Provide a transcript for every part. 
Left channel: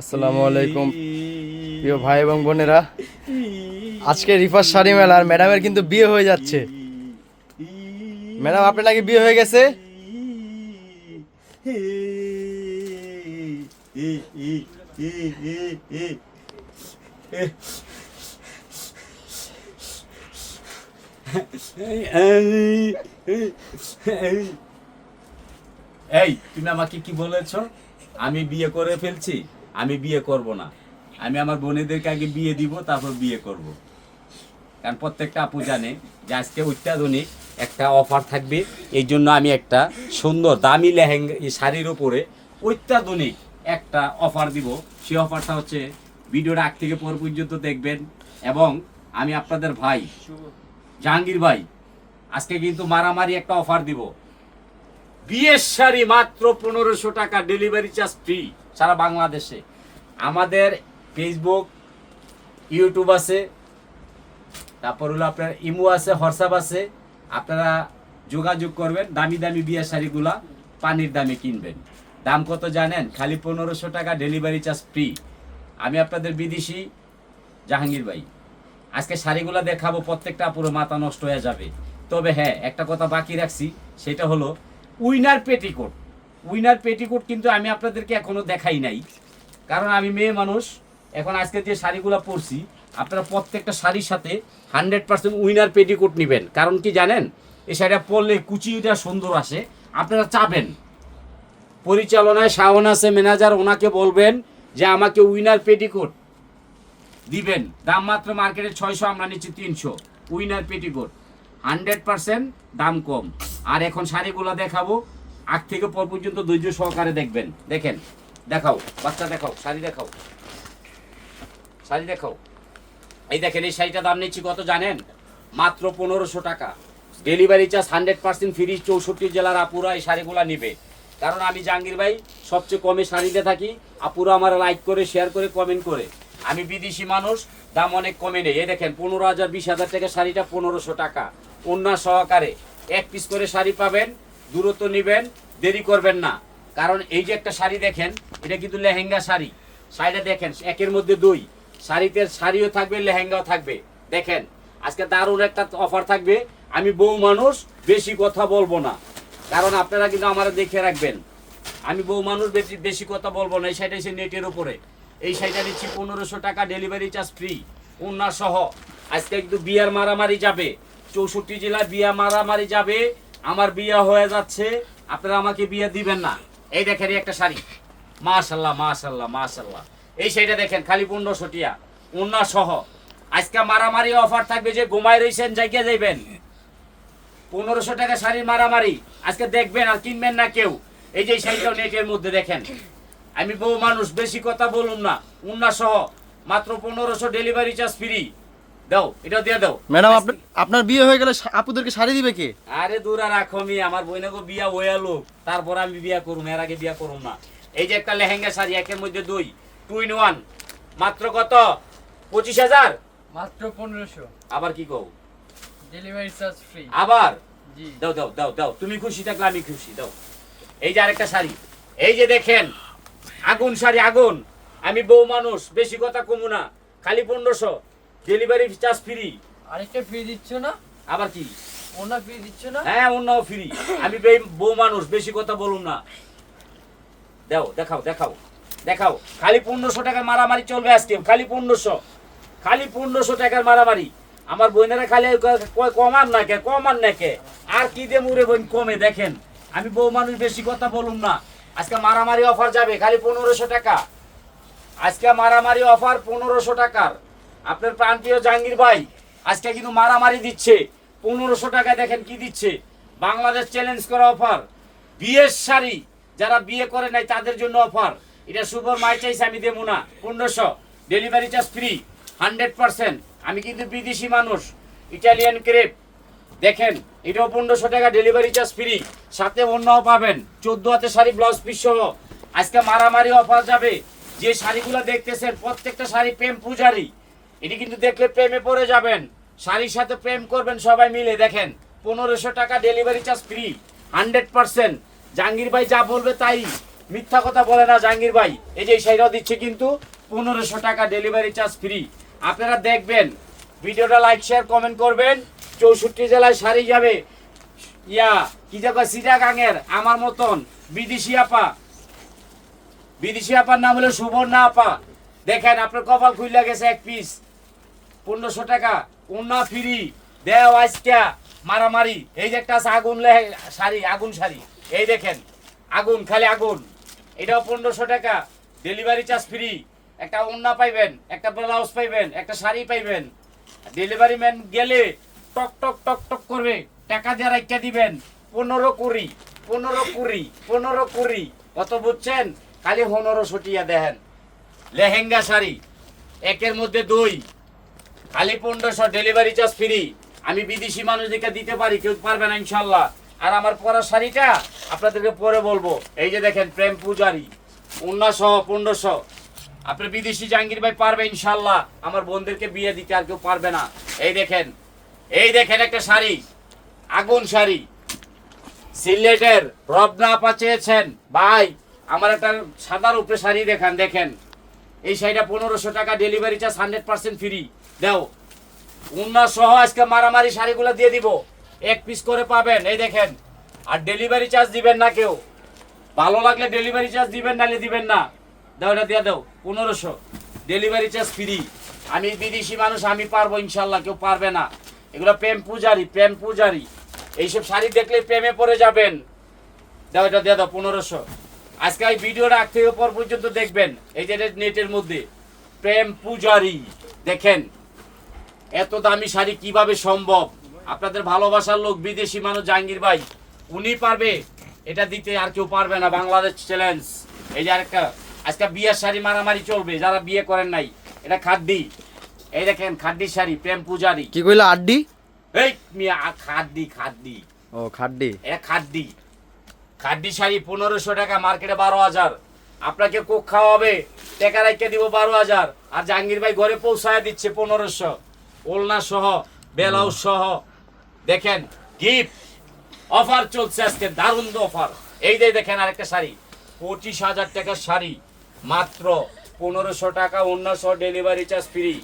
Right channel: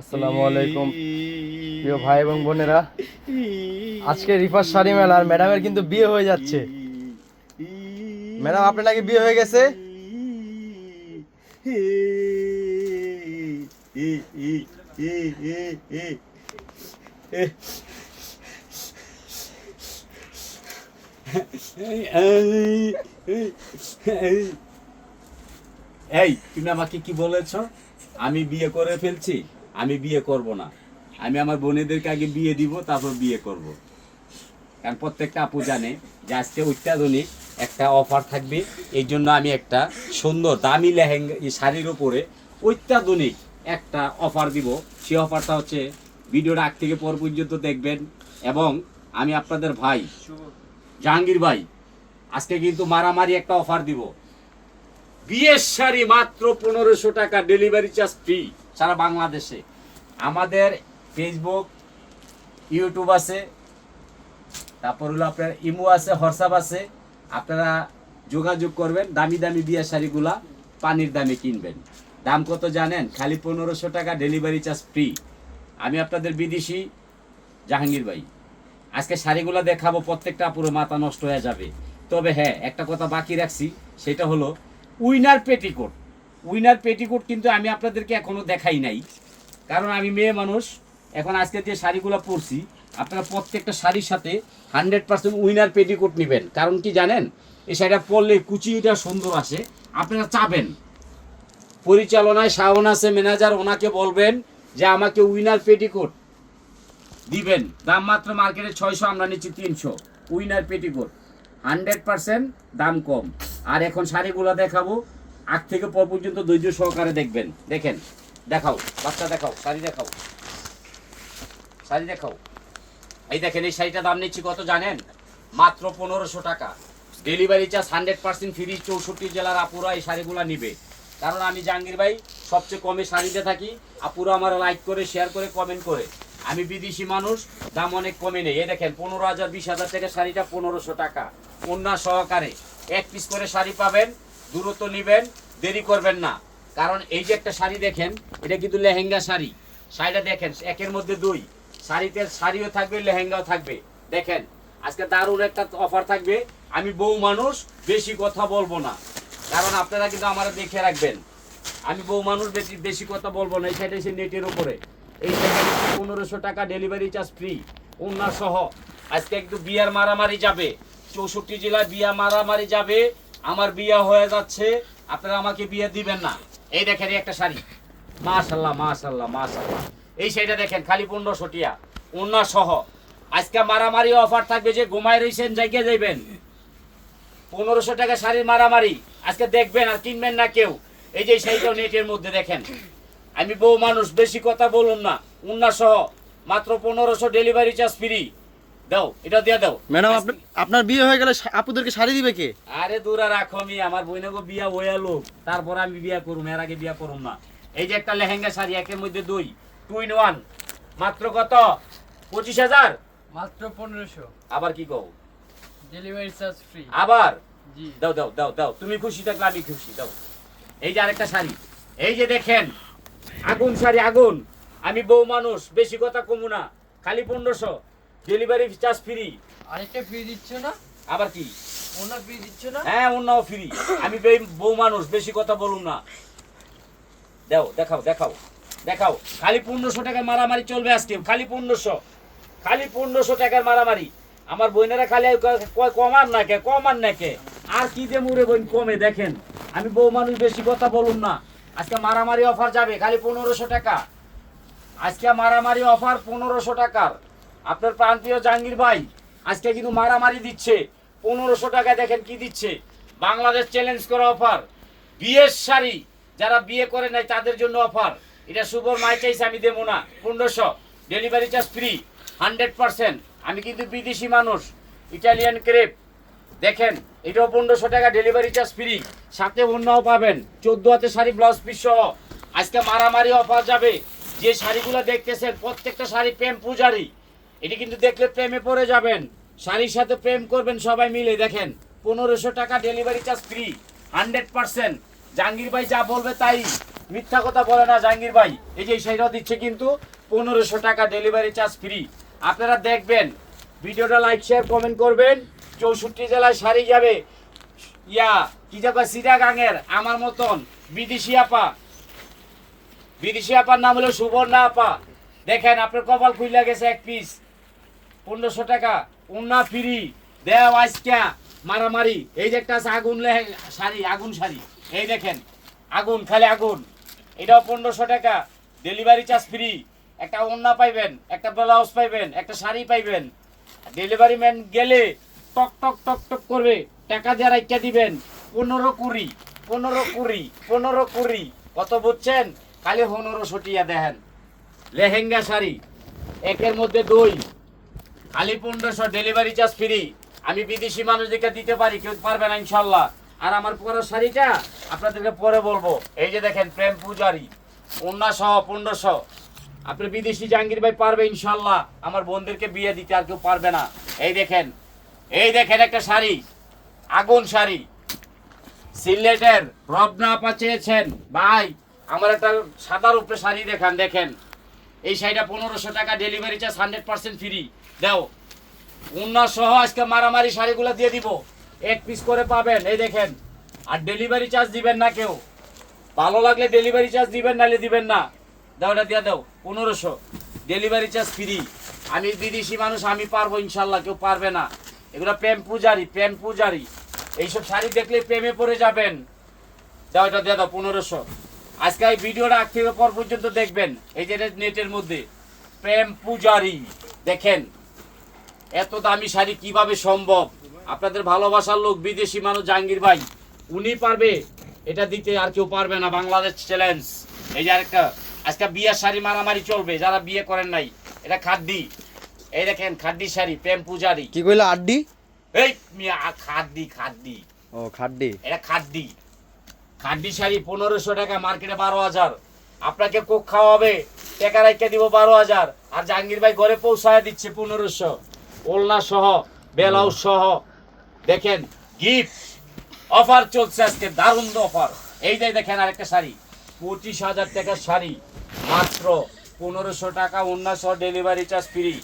আসসালামু আলাইকুম প্রিয় ভাই এবং বোনেরা, আজকে রিফার শাড়ি মেলা আর ম্যাডামের কিন্তু বিয়ে হয়ে যাচ্ছে। ম্যাডাম, আপনার নাকি বিয়ে হয়ে গেছে? এই তুমি আমাকে কি বলেছ? আমি বিয়ে করে ফেলছি? আমি বিয়ে করব না। আমি আমার বোনেদেরকে আগে বিয়ে দিব, তারপর বিয়ে করব। কারণ প্রত্যেকটা আপু জানে যে আজকে অত্যাধুনিক একটা অফার থাকবে। এই জন্য আমি একটা সুন্দর দামি লেহেঙ্গা শাড়ির উপরে অত্যাধুনিক একটা অফার দিব। সেই অফারটা হচ্ছে ভিডিওটা আগ থেকে পর পর্যন্ত দেখবেন। এবং আমি আপনাদের ভাই জাহাঙ্গীর ভাই আজকে কিন্তু মারামারি একটা অফার দিব। বিয়ের শাড়ি মাত্র 1500 টাকা, ডেলিভারি চার্জ ফ্রি সারা বাংলাদেশে। আমাদের ফেসবুক, ইউটিউব আছে, তারপর হলো আপনার ইমো আছে, হোয়াটসঅ্যাপ আছে। আপনারা যোগাযোগ করবেন। দামি দামি বিয়ের শাড়িগুলা পানির দামে কিনবেন। দাম কত জানেন? খালি 1500 টাকা, ডেলিভারি চার্জ ফ্রি। আমি আপনাদের বিদেশি জাহাঙ্গীর ভাই। আজকে শাড়িগুলা দেখাবো, প্রত্যেকটা পুরো মাথা নষ্ট হয়ে যাবে। তবে হ্যাঁ, একটা কথা বাকি রাখছি, সেটা হলো উইনার পেটিকোট। উইনার পেটিকোট কিন্তু আমি আপনাদেরকে এখনো দেখাই নাই, কারণ আমি মেয়ে মানুষ। এখন আজকে যে শাড়িগুলো পরছি, আপনারা প্রত্যেকটা শাড়ির সাথে 100% উইনার পেটিকোট নেবেন। কারণ কি জানেন? এই শাড়িটা পরলে কুচিটা সুন্দর আসে। আপনারা চাবেন, পরিচালনায় শাওন আছে ম্যানেজার, ওনাকে বলবেন যে আমাকে উইনার পেটিকোট দিবেন। দাম মাত্র মার্কেটে 600, আমরা নিচ্ছি 300। উইনার পেটিকোট 100% দাম কম। আর এখন শাড়িগুলো দেখাবো, আগ থেকে পর পর্যন্ত ধৈর্য সহকারে দেখবেন। দেখেন, দেখাও বাচ্চা, দেখাও শাড়ি, দেখাও শাড়ি, দেখাও। এই দেখেন, এই শাড়িটা দাম নিচ্ছি কত জানেন? মাত্র 1500 টাকা, ডেলিভারি চার্জ 100% ফ্রি। 64 জেলার আপুরা এই শাড়িগুলো নিবে। কারণ আমি জাহাঙ্গীর ভাই সবচেয়ে কমে শাড়িতে থাকি। আপুরা আমার লাইক করে, শেয়ার করে, কমেন্ট করে। আমি বিদেশি মানুষ, দাম অনেক কমে নেই। এই দেখেন, 15,000 20,000 টাকা শাড়িটা 1500 টাকা, ওন্না সহকারে। এক পিস করে শাড়ি পাবেন। দূরত্ব নেবেন, দেরি করবেন না। কারণ এই যে একটা শাড়ি দেখেন, এটা কিন্তু লেহেঙ্গা শাড়ি। শাড়িটা দেখেন, একের মধ্যে দুই। শাড়িতে শাড়িও থাকবে, লেহেঙ্গাও থাকবে। দেখেন, আজকে দারুণ একটা অফার থাকবে। আমি বউ মানুষ, বেশি কথা বলবো না, কারণ আপনারা কিন্তু আমার দেখে রাখবেন। আমি বউ মানুষ, বেশি বেশি কথা বলবো না। এই শাড়িটা এসে নেটের উপরে, এই শাড়িটা নিচ্ছি 1500 টাকা, ডেলিভারি চার্জ ফ্রি, ওন্না সহ। আজকে একটু বিয়ার মারামারি যাবে, 64 জেলায় বিয়া মারামারি যাবে। আমার বিয়া হয়ে যাচ্ছে, আপনারা আমাকে বিয়ে দিবেন না। এই দেখেন একটা শাড়ি, মাশাল্লাহ মাশাল্লাহ মাশাল্লাহ। এই শাড়িটা দেখেন, খালি 1500 টিয়া, ওন্না সহ। আজকে মারামারি অফার থাকবে, যে ঘুমায় রয়েছেন জায়গায় যাইবেন। 1500 টাকা শাড়ির মারামারি আজকে দেখবেন, আর কিনবেন না কেউ। এই যে শাড়িটাও নেটের মধ্যে দেখেন। আমি বউ মানুষ, বেশি কথা বলুন না। উন্না সহ মাত্র 1500, ডেলিভারি চার্জ ফ্রি। দাও, এটা দিয়ে দাও। ম্যাডাম, আপনার বিয়ে হয়ে গেলে আপুদেরকে শাড়ি দিবে কে? আরে দূর আর রাখো, আমি আমার বইনাকে বিয়া হয়ে লোক, তারপর আমি বিয়া করুম, এর আগে বিয়া করুম না। এই যে একটা লেহেঙ্গা শাড়ি, একের মধ্যে দুই, 2 in 1, মাত্র কত? 25,000, মাত্র 1500, আবার কি কও? Delivery charge free. আবার জি, দাও দাও দাও দাও, তুমি খুশি থাকলে আমি খুশি, দাও। এই যে আরেকটা শাড়ি, এই যে দেখেন, আগুন শাড়ি, আগুন। আমি বউ মানুষ, বেশি কথা কমু না। খালি 1500, ডেলিভারি চার্জ ফ্রি। আরেকটা ফ্রি দিচ্ছ না? আবার কি? ওনা ফ্রি দিচ্ছ না? হ্যাঁ, অন্যও ফ্রি। আমি বউ মানুষ, বেশি কথা বলুন না। দাও, দেখাও দেখাও দেখাও। খালি 1500 টাকা মারামারি চলবে আজকে, খালি 1500, খালি 1500 টাকার মারামারি। আমার বোনেরা খালি কয় কমান না কে, কমান না কে, আর কি দিয়ে মুড়ে বোন কমে। দেখেন, আমি বউ মানুষ, বেশি কথা বলুন না। আজকে মারামারি অফার যাবে, খালি 1500 টাকা। আজকে মারামারি অফার 1500 টাকার। আপনার প্রান্তীয় জাহাঙ্গীর ভাই আজকে কিন্তু মারামারি দিচ্ছে 1500 টাকা। দেখেন কি দিচ্ছে, বাংলাদেশ চ্যালেঞ্জ করা অফার। বিয়ের শাড়ি, যারা বিয়ে করে নাই তাদের জন্য অফার। এটা সুপার মাই চাইছে, আমি দেবো না। 1500, ডেলিভারি চার্জ ফ্রি, 100%। আমি কিন্তু বিদেশি মানুষ, ইটালিয়ান ক্রেপ। দেখেন, এটাও 1500 টাকা, ডেলিভারি চার্জ ফ্রি, সাথে অন্যও পাবেন। 14 হাতে শাড়ি, ব্লাউজ পিস সহ। আজকে মারামারি অফার যাবে। যে শাড়িগুলো দেখতেছেন, প্রত্যেকটা শাড়ি প্রেম পূজারি। এটি কিন্তু দেখলে প্রেমে পড়ে যাবেন, শাড়ির সাথে প্রেম করবেন সবাই মিলে। দেখেন, 1500 টাকা, ডেলিভারি চার্জ ফ্রি, 100%। জাহাঙ্গীর ভাই যা বলবে তাই। মিথ্যা কথা বলে না জাহাঙ্গীর ভাই। এই যে এই শাড়িটা দিচ্ছে কিন্তু 1500 টাকা, ডেলিভারি চার্জ ফ্রি। আপনারা দেখবেন, ভিডিওটা লাইক শেয়ার কমেন্ট করবেন। 64 জেলায় শাড়ি যাবে। কি যাবে সিটাগাঙের আমার মতন বিদেশি আপা, বিদেশি আপার নাম হলো সুবর্ণা আপা। দেখেন আপনার কপাল খুইলা গেছে, এক পিস 1500 টাকা, ওন্না ফ্রি দেও আজকা মারামারি। এই যে একটা আছে আগুন শাড়ি, আগুন শাড়ি, এই দেখেন আগুন, খালি আগুন, এটাও 1500 টাকা, ডেলিভারি চার্জ ফ্রি। একটা ওন্না পাইবেন, একটা ব্লাউজ পাইবেন, একটা শাড়ি পাইবেন। ডেলিভারি ম্যান গেলে টক টক টক টক করবে, টাকা দিয়ে রাখতে দিবেন। 15 কুড়ি 15 কুড়ি 15 কুড়ি, কত বুঝছেন? খালি 1500 টিয়া দেখেন। লেহেঙ্গা শাড়ি একের মধ্যে 2, খালি 1500, ডেলিভারি চার্জ ফ্রি। আমি বিদেশি মানুষদেরকে দিতে পারি, কেউ পারবে না ইনশাল্লাহ। আর আমার পরা শাড়িটা আপনাদেরকে পরে বলবো। এই যে দেখেন প্রেম পূজারি, ওন্না সহ 1500। আপনি বিদেশি জাহাঙ্গীর ভাই পারবে ইনশাল্লাহ, আমার বোনদেরকে বিয়ে দিতে আর কেউ পারবে না। এই দেখেন, এই দেখেন একটা শাড়ি, আগুন শাড়ি, সিলেটের রবনা আপা চেয়েছেন ভাই আমার একটা সাদার উপরে শাড়ি দেখান। দেখেন এই শাড়িটা 1500 টাকা, ডেলিভারি চার্জ 100% ফ্রি। দাও ওন্না সহ আজকে মারামারি শাড়িগুলো দিয়ে দিব, এক পিস করে পাবেন। এই দেখেন, আর ডেলিভারি চার্জ দিবেন না কেউ, ভালো লাগলে ডেলিভারি চার্জ দিবেন, নাহলে দিবেন না। দাও এটা দিয়ে দাও, 1500, ডেলিভারি চার্জ ফ্রি। আমি বিদেশি মানুষ, আমি পারবো ইনশাল্লাহ, কেউ পারবে না। এগুলো প্রেম পূজারি, প্রেম পূজারি। এইসব শাড়ি দেখলে প্রেমে পড়ে যাবেন। দাও এটা দিয়ে দাও 1500। আজকে এই ভিডিওটা আগ থেকে পর পর্যন্ত দেখবেন। এই যে নেটের মধ্যে প্রেম পূজারি, দেখেন এত দামি শাড়ি কিভাবে সম্ভব? আপনাদের ভালোবাসার লোক বিদেশি মানুষ জাহাঙ্গীর ভাই, উনি পারবে এটা দিতে, আর কেউ পারবে না। বাংলাদেশ চ্যালেঞ্জ। এই যে আরেকটা, আজকে বিয়ের শাড়ি মারামারি চলবে, যারা বিয়ে করেন নাই। এটা খাদ্দি, এই দেখেন খাদ্দি শাড়ি, প্রেম পূজারি। কি কইলা? আড্ডি? এই মিয়া, খাদ্দি খাদ্দি, ও খাড্ডি। এটা খাদ্দি, খাদ্দি শাড়ি 1500 টাকা, মার্কেটে 12000। আপনাকে কোক খাওয়াবে, টাকা রাখতে দিব 12000, আর জাহাঙ্গীর ভাই ঘরে পৌঁছায় দিচ্ছে 1500, ওলনা সহ, ব্লাউজ সহ। দেখেন গিফট অফার চলছে আজকে, দারুণ অফার। এই যে দেখেন আরেকটা শাড়ি, 25000 টাকার শাড়ি, মাত্র 1500 টাকা, ওন্না সহ, ডেলিভারি চার্জ ফ্রি।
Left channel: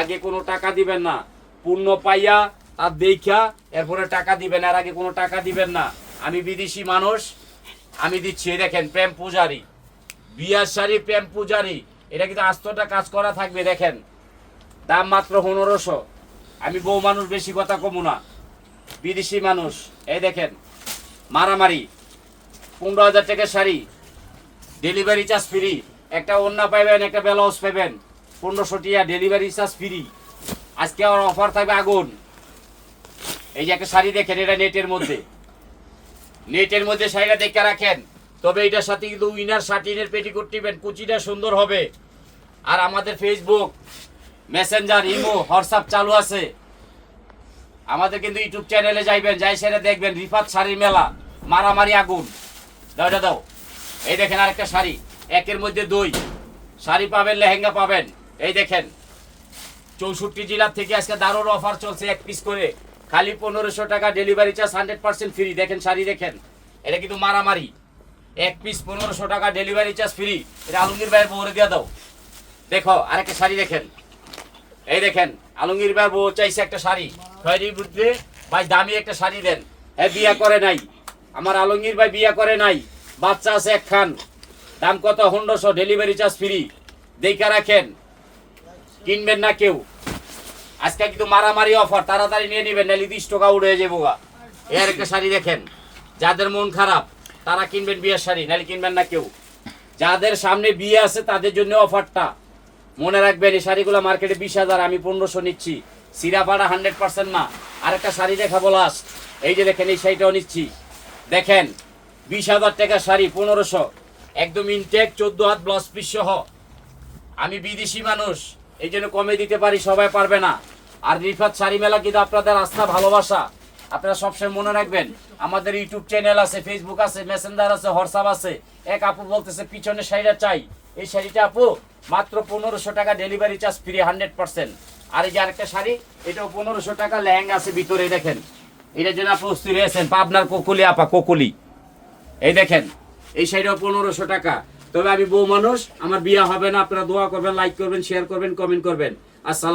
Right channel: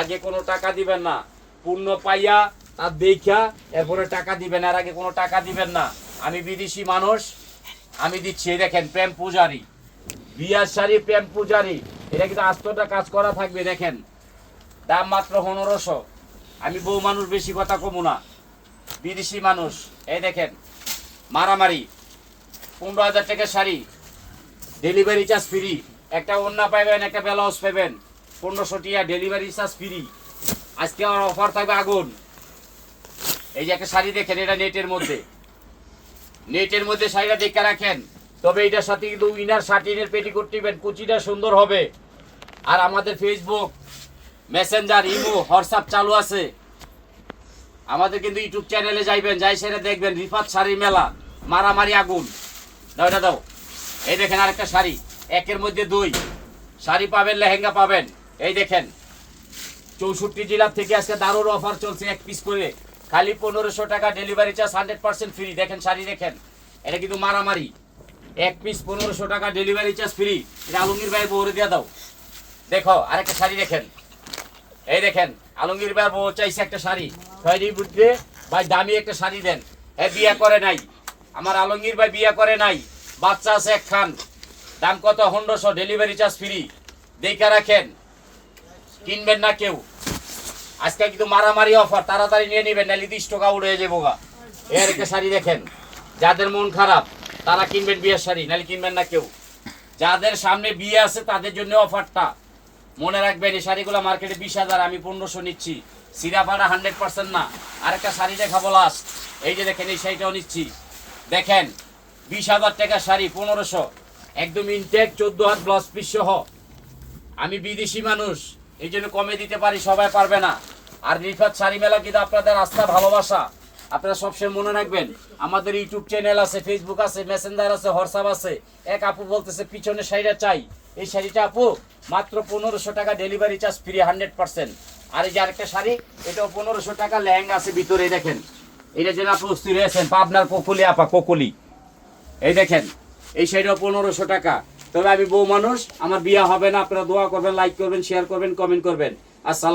আগে কোনো টাকা দিবেন না, পূর্ণ পাইয়া তার দেখা এরপরে টাকা দিবেন, আর আগে কোনো টাকা দিবেন না। আমি বিদেশি মানুষ, আমি দিচ্ছি। এই দেখেন প্রেম পূজারি, বিয়ার শাড়ি, প্রেম পূজারি। এটা কিন্তু আস্তটা কাজ করা থাকবে। দেখেন দাম মাত্র 1500। আমি বউ মানুষ, বেশি কথা কমু না, বিদেশি মানুষ। এই দেখেন মারামারি, 15000 টাকার শাড়ি, ডেলিভারি চার্জ ফ্রি। একটা ওন্না পাইবেন, একটা ব্লাউজ পাইবেন, 1500 টাকা, ডেলিভারি চার্জ ফ্রি। আজকে আমার অফার থাকবে আগুন। এই যে একটা শাড়ি দেখেন, এটা নেটের মধ্যে, নেটের মধ্যে শাড়িটা দেখে রাখেন। তবে এটার সাথে কিন্তু উইনার শার্টিনের পেটিকোট টিবেন, কুচিটা সুন্দর হবে। আর আমাদের ফেসবুক, মেসেঞ্জার, ইমো, হোয়াটসঅ্যাপ চালু আছে। আমাদের কিন্তু ইউটিউব চ্যানেলে যাইবেন, যাই সেটা দেখবেন, রিফাত শাড়ি মেলা, মারামারি আগুন। দাও এটা দাও। এই দেখেন আরেকটা শাড়ি, একের মধ্যে 2 শাড়ি পাবেন, লেহেঙ্গা পাবেন। এই দেখেন 64 জেলা থেকে আজকে দারুণ অফার চলছে, এক পিস করে খালি 1500 টাকা, ডেলিভারি চার্জ 100% ফ্রি। দেখেন শাড়ি দেখেন, এটা কিন্তু মারামারি, এক পিস 1500 টাকা, ডেলিভারি চার্জ ফ্রি। এটা আলমগীর ভাইয়ের বউরে দিয়ে দাও। দেখো আরেকটা শাড়ি দেখেন, এই দেখেন আলমগীর ভাইয়ের বউ চাইছে একটা শাড়ি, খয়েরির বুদ্ধে ভাই দামি একটা শাড়ি দেন। হ্যাঁ বিয়ে করে নাই, আমার আলমগীর ভাই বিয়ে করে নাই, বাচ্চা আছে একখান, দাম কত? 1500, ডেলিভারি চার্জ ফ্রি। দেখে রাখেন, কিনবেন না কেউ। আজকে কিন্তু মারামারি অফার, তাড়াতাড়ি নিয়ে নেবেন, নাহলে 30 টাকা উড়ে যাবো গা। এর একটা শাড়ি দেখেন, যাদের মন খারাপ তারা কিনবেন বিয়ের শাড়ি, নাহলে কিনবেন না কেউ। যাদের সামনে বিয়ে আছে তাদের জন্য অফারটা মনে রাখবেন। এই শাড়িগুলো মার্কেটে 20000, আমি 1500 নিচ্ছি। সিরাপাড়া 100% না। আরেকটা শাড়ি দেখাবো লাস্ট, এই যে দেখেন, এই শাড়িটাও নিচ্ছি। দেখেন 20000 টাকার শাড়ি 1500, একদম ইনটেক, 14 হাত ব্লাউজ পিস সহ। আমি বিদেশি মানুষ, এই জন্য কমে দিতে পারি, সবাই পারবে না। আর রিফাত শাড়ি মেলা কিন্তু আপনাদের আস্থা, ভালোবাসা। আপনারা সবসময় মনে রাখবেন, আমাদের ইউটিউব চ্যানেল আছে, ফেসবুক আছে, মেসেঞ্জার আছে, হোয়াটসঅ্যাপ আছে। এক আপু বলতেছে পিছনে শাড়িটা চাই, এই শাড়িটা আপু মাত্র 1500 টাকা, ডেলিভারি চার্জ ফ্রি 100%। আর এই যে আরেকটা শাড়ি, এটাও 1500 টাকা, লেহেঙ্গা আছে ভিতরে। দেখেন এটার জন্য আপনি প্রস্তুত হয়েছেন, পাবনার কোকুলি আপা, কোকুলি। এই দেখেন এই শাড়িটাও 1500 টাকা। তবে আমি বউ মানুষ, আমার বিয়ে হবে না। আপনারা দোয়া করবেন, লাইক করবেন, শেয়ার করবেন, কমেন্ট করবেন। আসসালাম।